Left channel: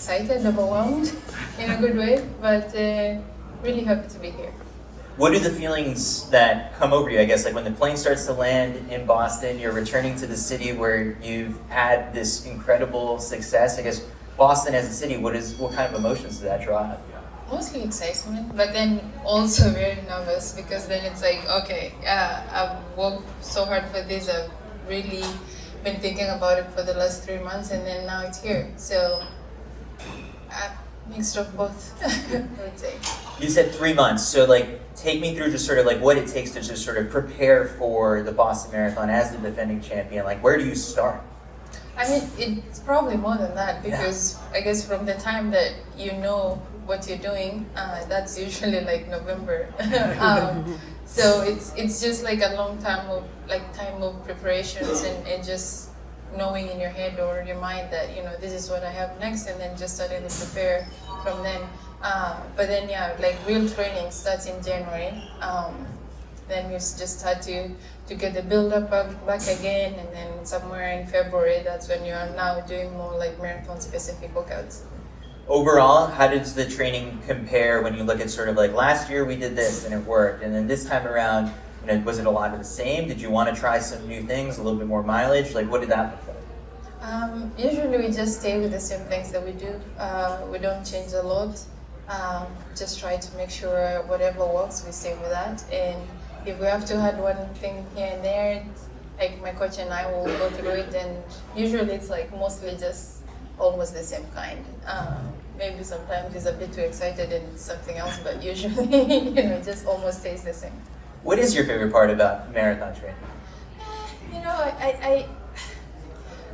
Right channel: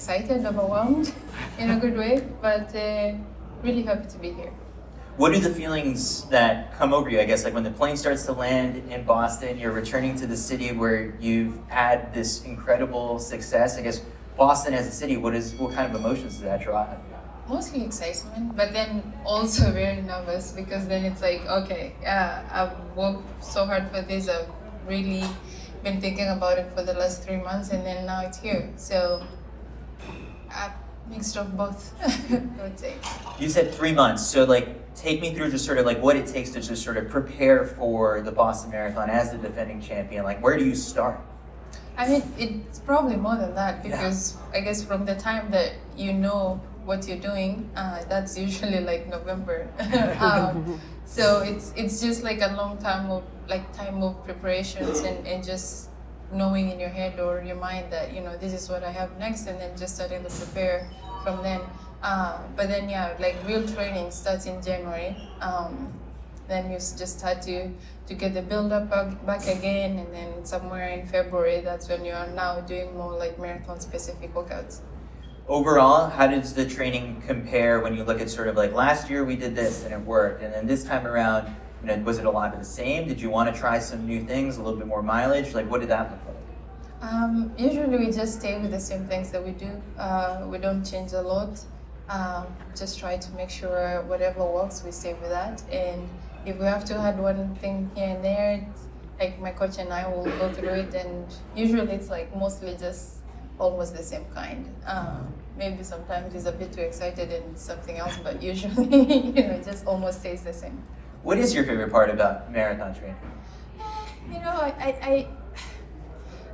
excited, overwhelmed in a good way, but really happy to be here. What are the feelings that come over you? I guess like when the plane starts to land in Boston, you're returning to the city where you've had this incredible success. I guess Boston as a city, what kind of emotions does that draw? Mostly excitement, but then also very nervous because then it's like, okay, I've worked so hard for this. I've really been thinking about it for the last 3 months, and then now it's here. So, mixed of both, I would say. You said 3 months, so like take me through just sort of like what it takes to just sort of prepare for the Boston Marathon as the defending champion. Like where do you start? I mean, it's probably more than that because I guess from the time that you know what you're doing, that's usually like November. So it's just like a long time of preparations and just knowing in your head or your mind that this is what I have next, and then just starting to prepare from then. But then like real training starts in January. Then you just start to get the build up back again, and then somewhere in February, that's when you're now doing more like marathon specific workouts. Overall, how does the training compare when you look at sort of like last year we did this and it worked, and then this time around, was it a lot of the same? Did you want to try some new things, a little bit more mileage? Like what did that look like? Usually we just stay with the same things that we do. We don't change a lot. Just try to make sure whatever works, we stay with that. And if we have to add one thing here and there, like my coach and I will go through it, and usually it's like mostly just almost the same kind. Maybe sometimes it's a bit too excited and it's something else, but usually it just almost stays the same. What is your favorite part about marathon training? I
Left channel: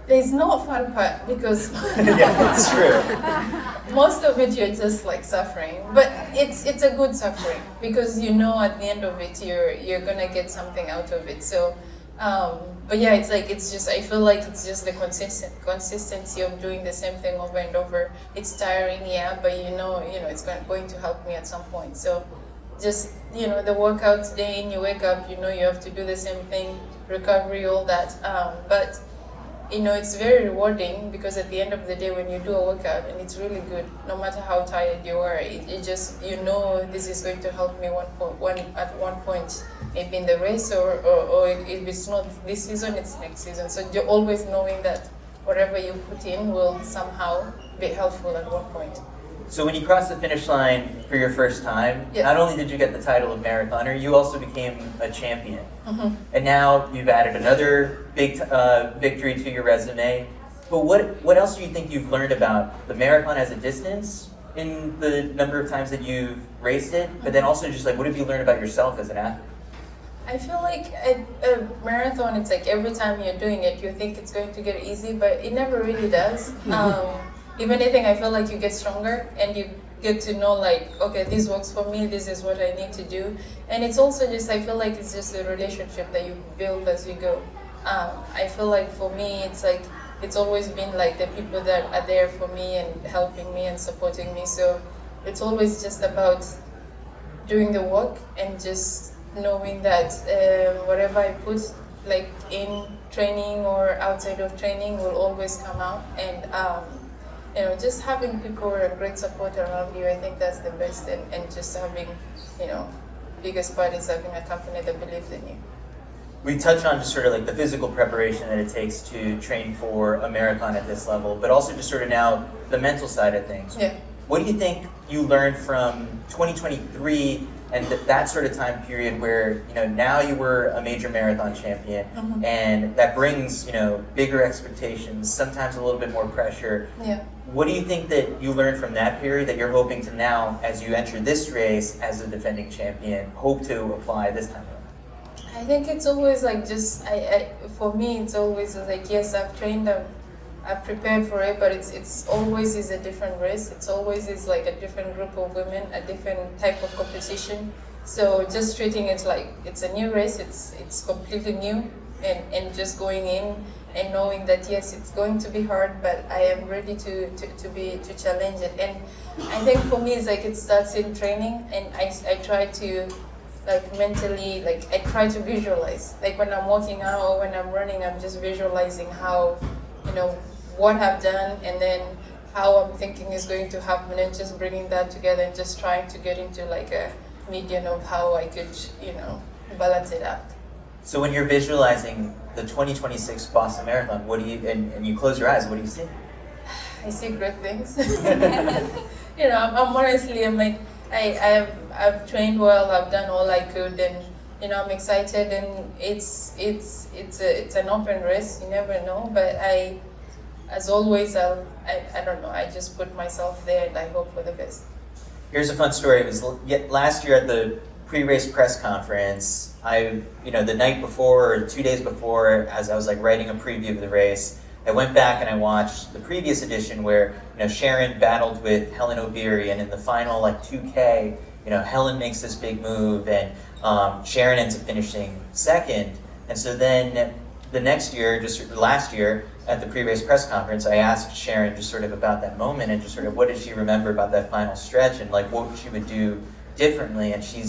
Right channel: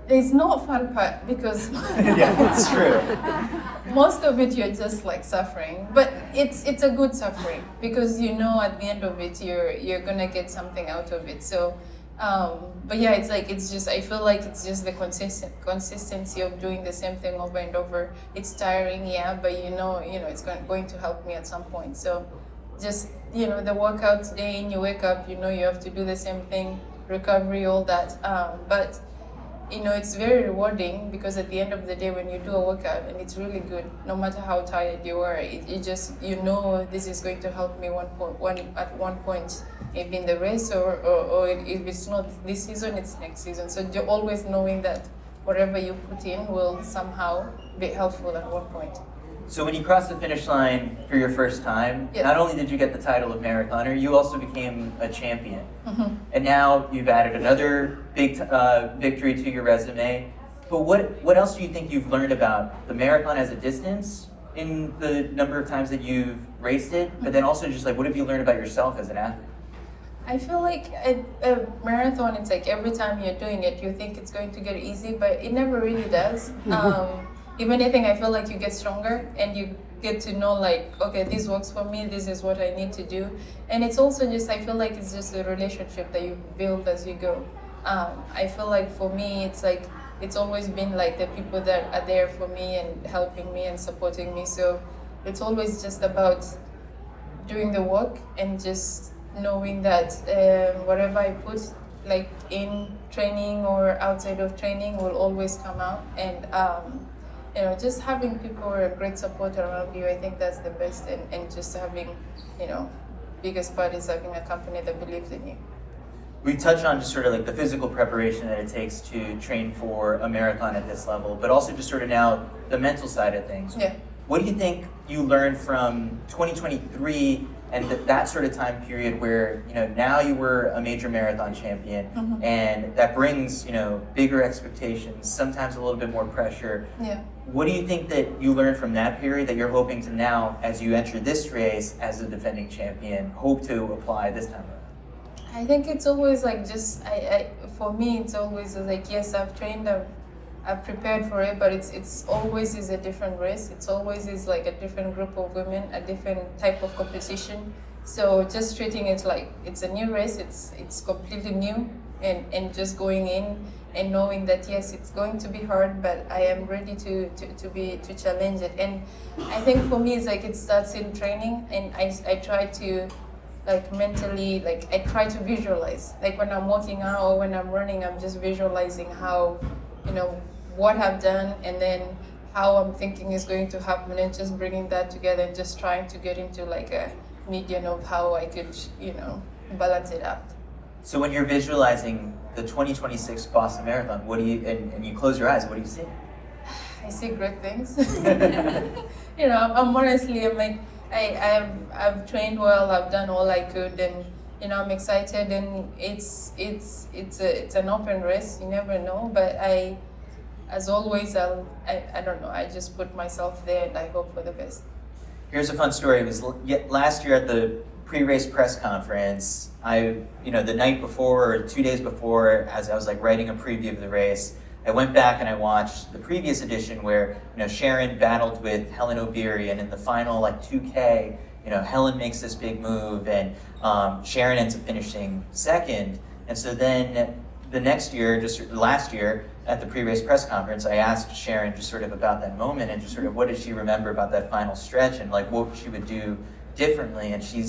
there's no fun part because Yeah, that's true. most of it you're just like suffering, but it's a good suffering because at the end of it you're gonna get something out of it. So but yeah, it's just I feel like it's just the consistency of doing the same thing over and over. It's tiring, yeah, but it's going to help me at some point. So just the workouts day in, you wake up, you have to do the same thing, recovery, all that, but it's very rewarding because at the end of the day when you do a workout and it's really good, no matter how tired you are, it just this is going to help me at one point, maybe in the race or if it's not this season, it's next season. So you're always knowing that whatever you put in will somehow be helpful at one point. So when you crossed the finish line for your first time, Yeah. not only did you get the title of marathoner, you also became a champion. Mm-hmm. And now you've added another big victory to your resume. But what else do you think you've learned about the marathon as a distance in the number of times that you've raced it? But then also just like what have you learned about yourself as an athlete? I feel like a marathon, it's like every time you're doing it, you think it's going to get easy, but it never really does. If anything, I feel like you get stronger and you get to know like, okay, this works for me, this is what I need to do. And it's also just, I feel like it's just a relationship that you build as you go. I feel like for me, it's like, it's always been like the people that are there for me and helping me and supporting me. So it's always just about doing the work and just knowing that whatever I put like in training or outside of training will always come out. And just having people with a great support around you, I think that's the best. And just having, biggest part is having a company that believes in you. We touched on just sort of like the physical preparation that it takes to train for a marathon at this level, but also just sort of now the mental side of things. Yeah. What do you think you learned from 2023 and that sort of time period where, now you were a major marathon champion, Mm-hmm. and that brings, bigger expectations, sometimes a little bit more pressure. Yeah. What do you think that you learned from that period that you're hoping to now, as you enter this race as a defending champion, hope to apply this time? I think it's always like for me, it's always like, yes, I've trained, I've prepared for it, but it's always is a different race. It's always is like a different group of women, a different type of competition. So just treating it like it's a new race, it's completely new, and just going in and knowing that yes, it's going to be hard, but I am ready to challenge it. And I think for me, it's like it starts in training, and I try to like mentally, like I try to visualize. Like when I'm walking out or when I'm running, I'm just visualizing how, what I've done, and then how I'm thinking is going to happen, and just bringing that together and just trying to get into like a median of how I could, balance it out. So when you're visualizing the 2026 Boston Marathon, what do you, and you close your eyes, what do you see? I see great things. I'm honestly, I'm like, I've trained well, I've done all I could, and I'm excited, and it's an open race. You never know, but as always, I don't know. I just put myself there, and I hope for the best. Here's a fun story. It was last year at the pre-race press conference. The night before or 2 days before, as I was like writing a preview of the race, I went back and I watched the previous edition where Sharon battled with Hellen Obiri, and in the final 2K, Hellen makes this big move, and Sharon ends up finishing second. And so then the next year, just last year, at the pre-race press conference, I asked Sharon just sort of about that moment and just sort of what did she remember about that final stretch and like what she would do differently. And she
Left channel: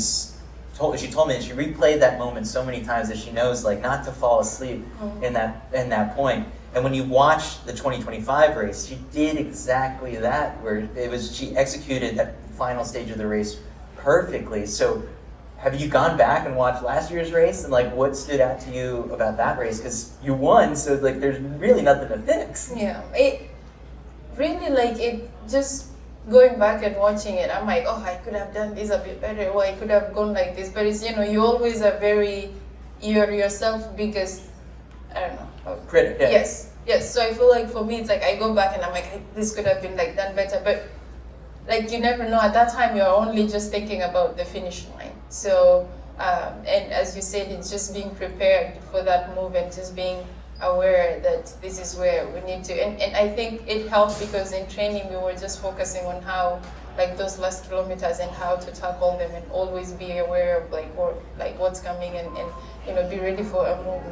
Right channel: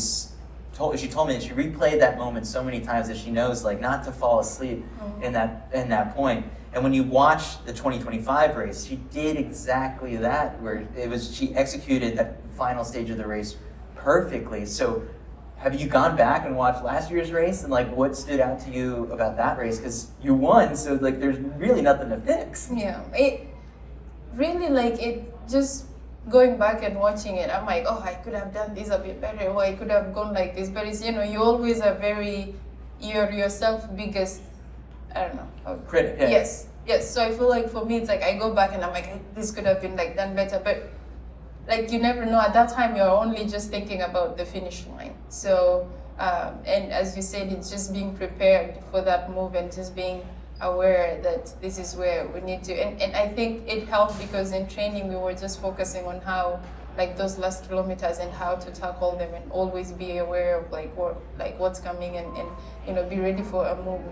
told me that she replayed that moment so many times that she knows like not to fall asleep in that point. And when you watch the 2025 race, she did exactly that, where she executed that final stage of the race perfectly. So have you gone back and watched last year's race and like what stood out to you about that race? Because you won, so like there's really nothing to fix. Yeah, it really it just going back and watching it. I'm like, oh, I could have done this a bit better, or I could have gone like this. But it's you always are you're yourself biggest, I don't know, critic. Yeah. Yes. So I feel like for me, it's like I go back and I'm like, this could have been done better, but you never know. At that time, you're only just thinking about the finish line. So, and as you said, it's just being prepared for that move and just being aware that this is where we need to. And I think it helped because in training, we were just focusing on how, those last kilometers and how to tackle them and always be aware of what's coming and be ready for a move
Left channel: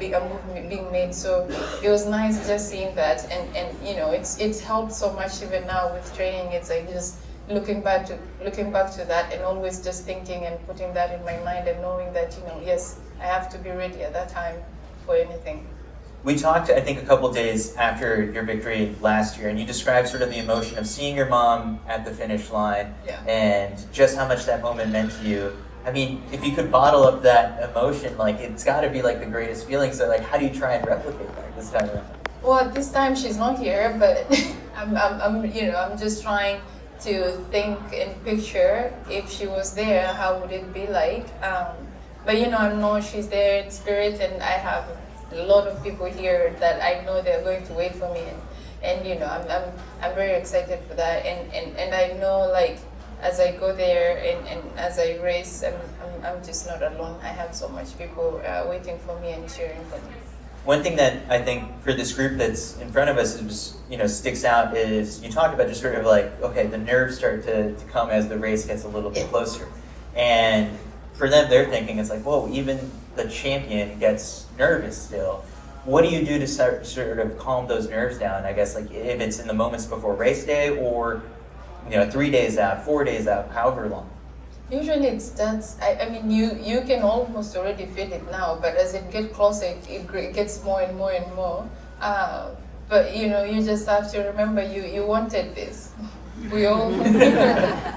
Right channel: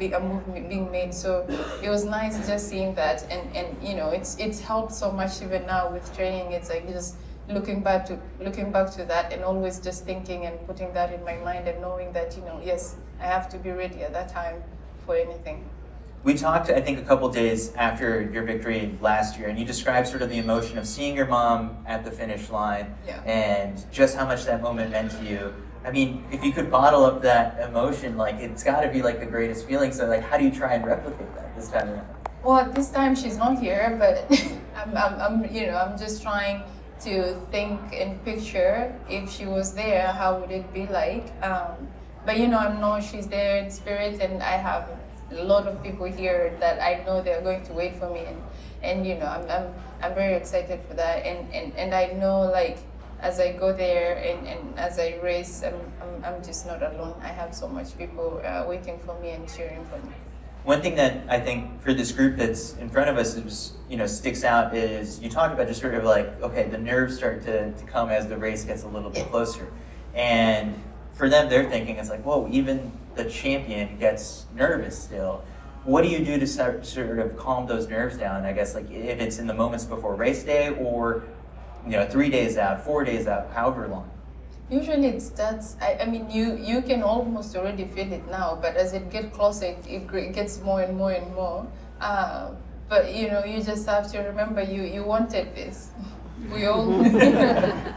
being made. So it was nice just seeing that, and it's helped so much even now with training. It's just looking back to that and always just thinking and putting that in my mind and knowing that yes, I have to be ready at that time for anything. We talked, I think, a couple days after your victory last year, and you described sort of the emotion of seeing your mom at the finish line and just how much that moment meant to you. I mean, if you could bottle up that emotion, it's got to be the greatest feeling. So how do you try and replicate that this time around? Well, this time she's not here, but I'm just trying to think and picture if she was there, how would it be like? But I know she's there in spirit, and I have a lot of people here that I know they're going to wait for me, and I'm very excited for that, and I know as I go there and as I race, I'm just not alone. I have so much people waiting for me and cheering for me. One thing that I think for this group that's in front of us is, sticks out is you talk about just sort of okay, the nerves start to come as the race gets a little bit closer. And for them, they're thinking it's whoa, even the champion gets nervous still. What do you do to sort of calm those nerves down? I guess if it's in the moments before race day or 3 days out, 4 days out, however long. Usually it starts, I mean, you can almost already feel it now, but as it gets closer, it gets more and more and more. But you just have to remember you wanted this. We all,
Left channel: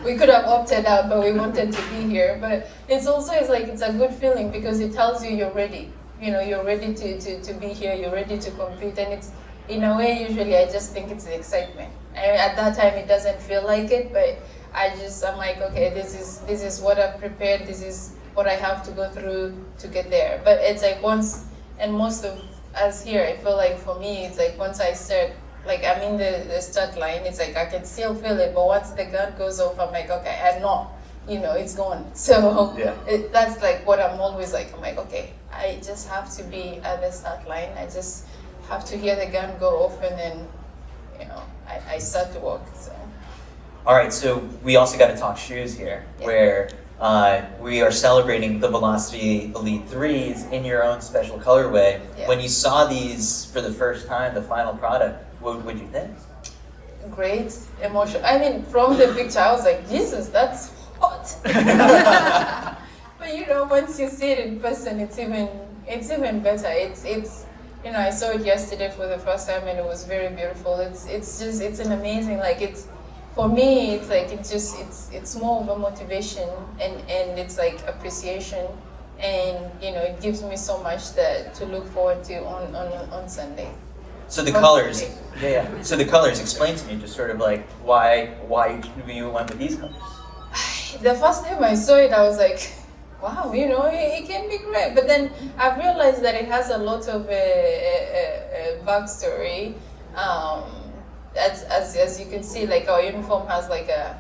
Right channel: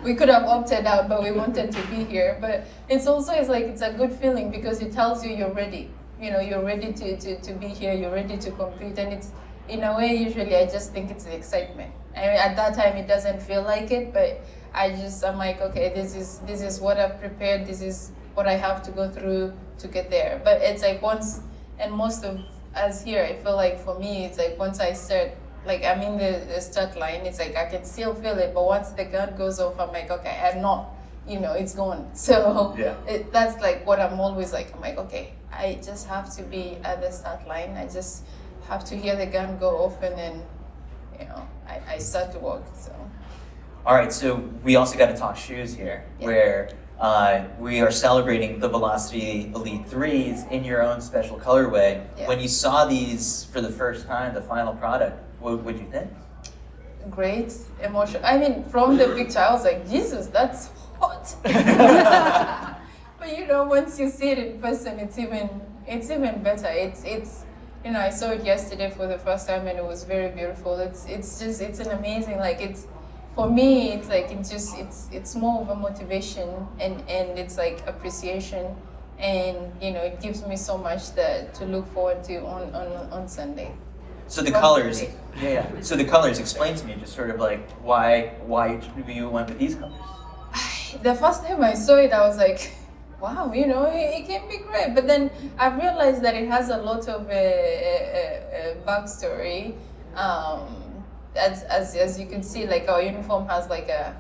we could have opted out, but we wanted to be here. But it's also, it's a good feeling because it tells you you're ready. You're ready to be here, you're ready to compete. And it's, in a way, usually I just think it's the excitement. I mean, at that time, it doesn't feel like it, but I'm like, okay, this is what I've prepared, this is what I have to go through to get there. But it's once, and most of us here, I feel for me, it's once I start, I'm in the start line, it's I can still feel it, but once the gun goes off, I'm like, okay, I'm not, it's gone. So that's what I'm always I'm like, okay, I just have to be at the start line, I just have to hear the gun go off, and then, I start to walk, so. All right, so we also got to talk shoes here, where we are celebrating the Velocity Elite 3s in your own special colorway. Yeah. When you saw these for the first time, the final product, what would you think? Great emotion. I mean, from the picture, I was like, Jesus, that's hot. But once you see it in person, it's even better. It's I saw it yesterday for the first time and it was very beautiful. It's an amazing, like, it's, for me, it's like, it's more of a motivation, and it's like appreciation, and it gives me so much that to look forward to on Sunday. So the Well, colors, okay. yeah. So the colors, explain to me just sort of like why you went with these colors. The first time I saw it, I was like, wow, it can be great. But then I realized that it has a lot of backstory. As you can see, like our uniform has like a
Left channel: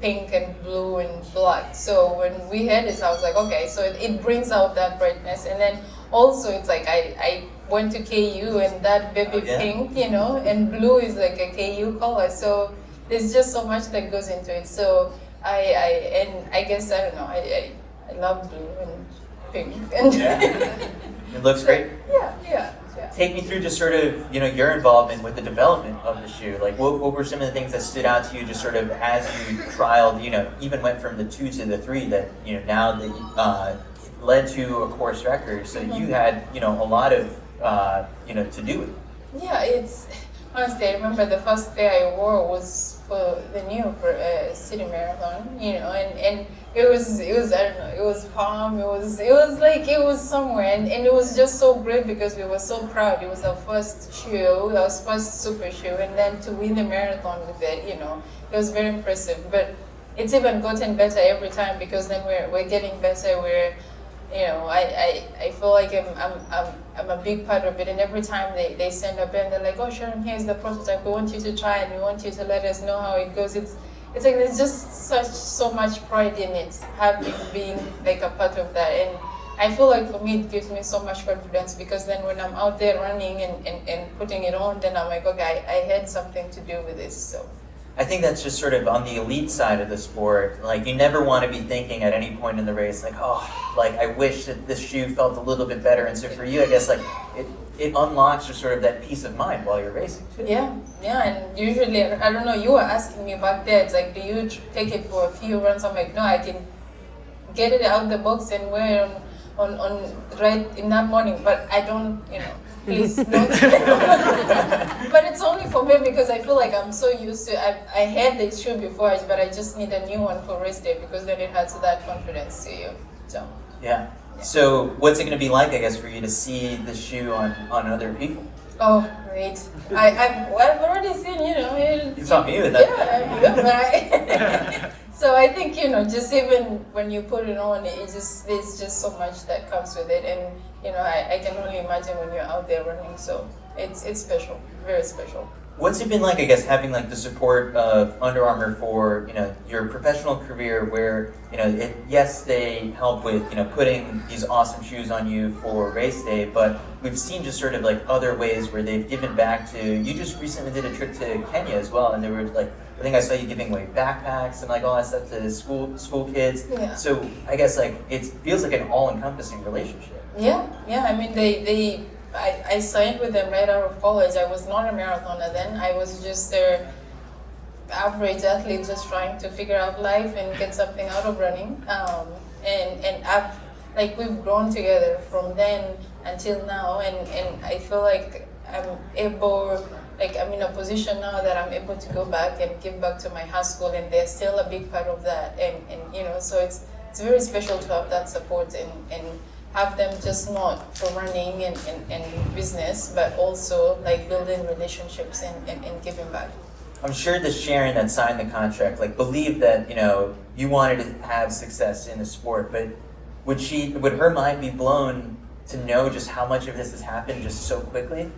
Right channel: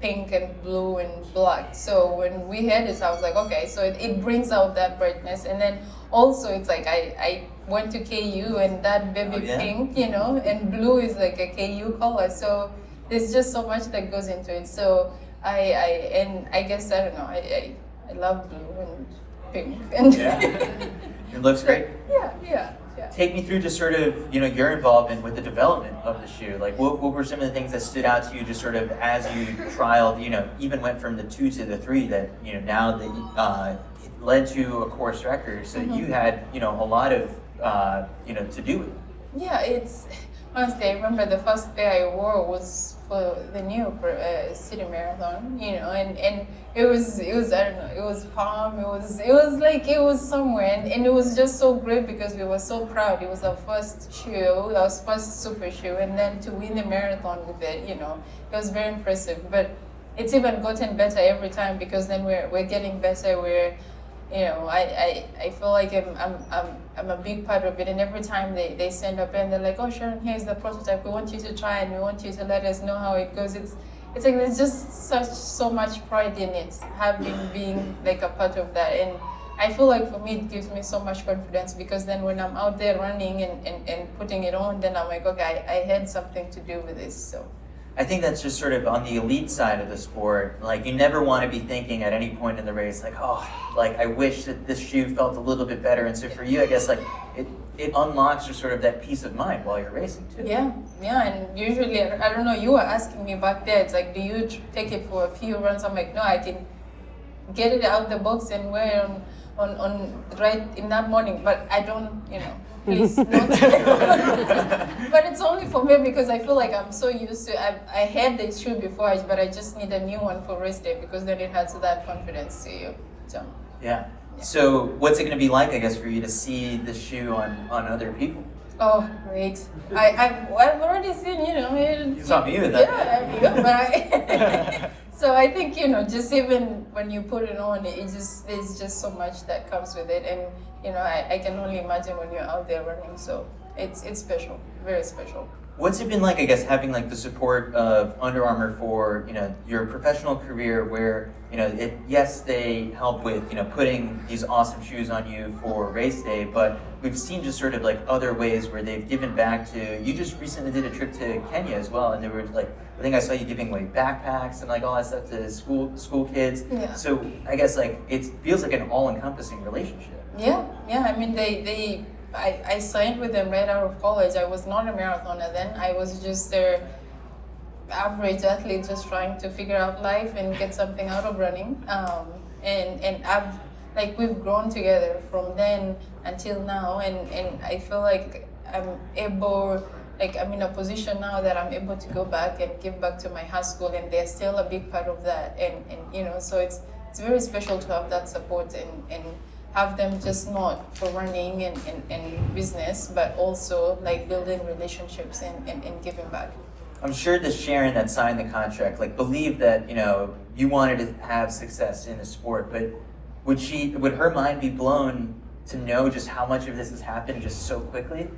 pink and blue and black. So when we had it, I was like, okay, so it brings out that brightness. And then also it's like I went to KU, and that baby Oh, yeah. pink, and blue is like a KU color. So there's just so much that goes into it. So I guess, I don't know, I love blue and pink. And Yeah. It looks great. Yeah. Take me through just sort of your involvement with the development of the shoe. Like what were some of the things that stood out to you just sort of as you trialed, even went from the 2 to the 3 that now that led to a course record. So you had a lot of to do with. Yeah, it's honestly, I remember the first pair I wore was for the New York City Marathon, and it was I don't know, it was Palm, it was somewhere, and it was just so great because we were so proud. It was our first shoe, our first super shoe, and then to win the marathon with it, it was very impressive. But it's even gotten better every time because then we're getting better. I feel like I'm a big part of it, and every time they send up and they're like, oh Sharon, here's the prototype, we want you to try and we want you to let us know how it goes. It's like there's just so much pride in it, being like a part of that, and I feel like for me it gives me so much confidence because then when I'm out there running and putting it on, then I'm like, okay, I had something to do with this. So I think that's just sort of on the elite side of the sport. Like you never want to be thinking at any point in the race, like, oh, like I wish that this shoe felt a little bit better. And so for you, I guess like it unlocks just sort of that peace of mind while you're racing too. yeah, and usually, I don't know, you were asking me back there, it's like, do you take it for a few runs? I'm like, no, I can get it out the box and wear it on right in that morning, but I don't, please don't. But it's only for me because I feel like I'm so used to, I had the shoe before, but I just need a new one for race day because then it has that confidence to you. So Yeah. So what's it going to be like, I guess, for you to see the shoe on other people? oh, great. I've already seen, You saw me with that. Yeah, right. So I think, just even when you put it on, there's just so much that comes with it. And, I can only imagine when you're out there running. So it's special, very special. What's it been like, I guess, having like the support of Under Armour for, your professional career where, yes, they help with, putting these awesome shoes on you for race day, but we've seen just sort of like other ways where they've given back to, you just recently did a trip to Kenya as well, and there were like, I think I saw you giving away backpacks and like all that stuff to school kids. Yeah. So I guess like, it feels like an all-encompassing relationship. Yeah. I mean, I signed with them right out of college. I was not a marathoner then. I was just their average athlete just trying to figure out life and get something out of running. And we've grown together from then until now. And I feel like I'm in a position now that I'm able to go back and give back to my high school, and they're still a big part of that. And so it's very special to have that support and have them just not for running and business, but also like building relationships and giving back. I'm sure the Sharon that signed the contract, like believed that, you wanted to have success in the sport, but would her mind be blown to know just how much of this has happened just so quickly?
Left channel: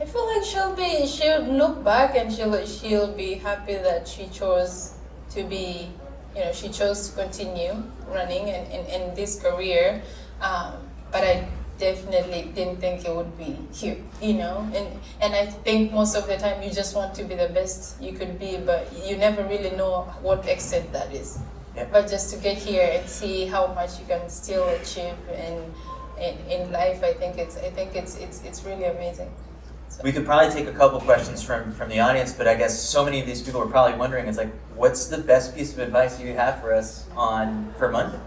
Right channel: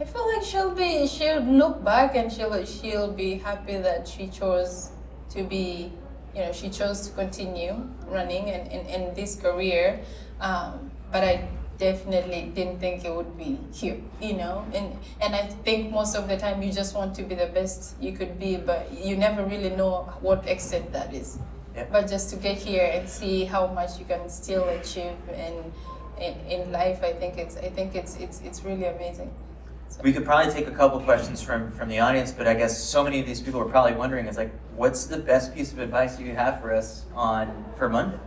I feel like she'll look back and she'll be happy that she chose to be, she chose to continue running in this career. But I definitely didn't think it would be here, and I think most of the time you just want to be the best you could be, but you never really know what extent that is. Yeah. But just to get here and see how much you can still achieve in life, I think it's really amazing. So. We could probably take a couple questions from the audience, but I guess so many of these people are probably wondering, is like, what's the best piece of advice you have for us for Monday?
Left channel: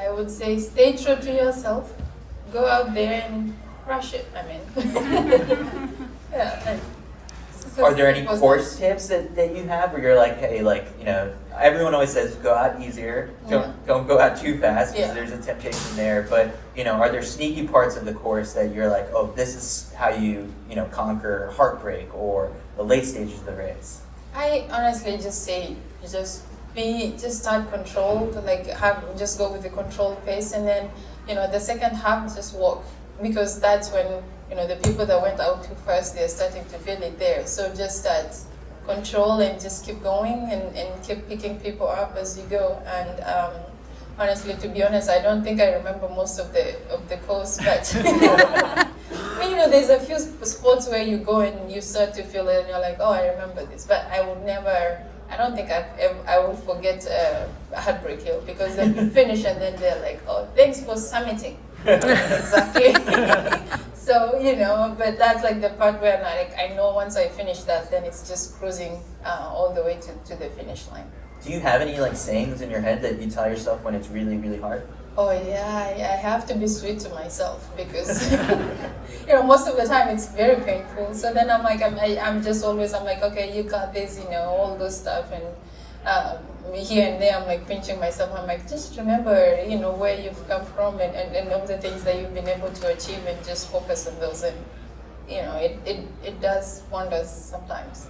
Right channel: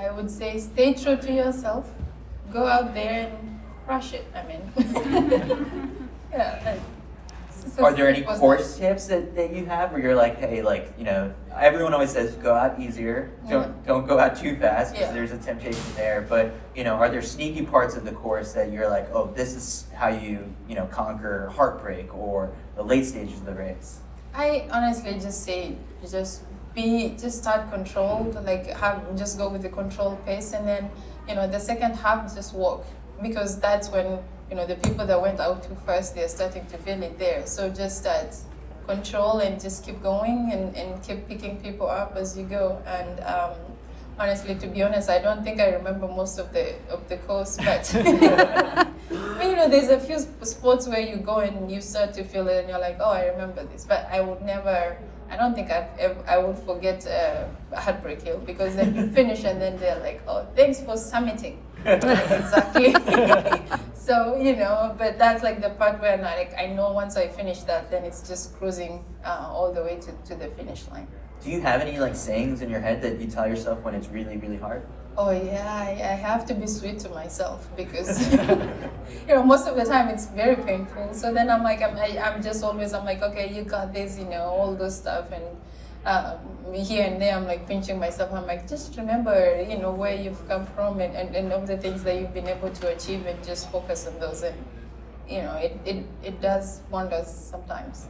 I would say stay true to yourself. Go out there and crush it. I mean, yeah. Are there any Was course tips that you have where you're like, hey, like, you know, everyone always says go out easier, don't go out too fast because Yeah. there's a temptation there. But, you know, are there sneaky parts of the course that you're like, oh, this is how you know, conquer heartbreak or the late stages of the race? I honestly just say just start controlled, like just go with the controlled pace, and then the second half just walk, because that's when the people that went out too fast, they're starting to feel it there. So just start control and just keep going and keep picking people up as you go. And honestly, to be honest, I don't think I remember most of the course, but there's a few spots where you go and you start to feel it and you're like, oh, I remember this. But I don't think I would forget Heartbreak Hill, because then you finish and then they're like, oh, thanks for summiting. Exactly. So, but that's like the part where I know once I finish that, then it's just cruising all the way to the finish line. Do you have any like sayings in your head that you tell yourself when it's really, really hard? Oh yeah, I have to be sweet to myself, because most of the time it's very painful. So then I'm like, I'm like, okay, you got this, all those stuff, and here and there I'm like pinching myself. I'm like, just remember, where you've come from and all the things that you've been able to achieve, and just focus on those. And it does wonders sometimes.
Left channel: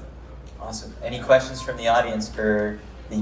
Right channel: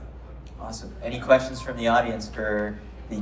Awesome. Any questions from the audience for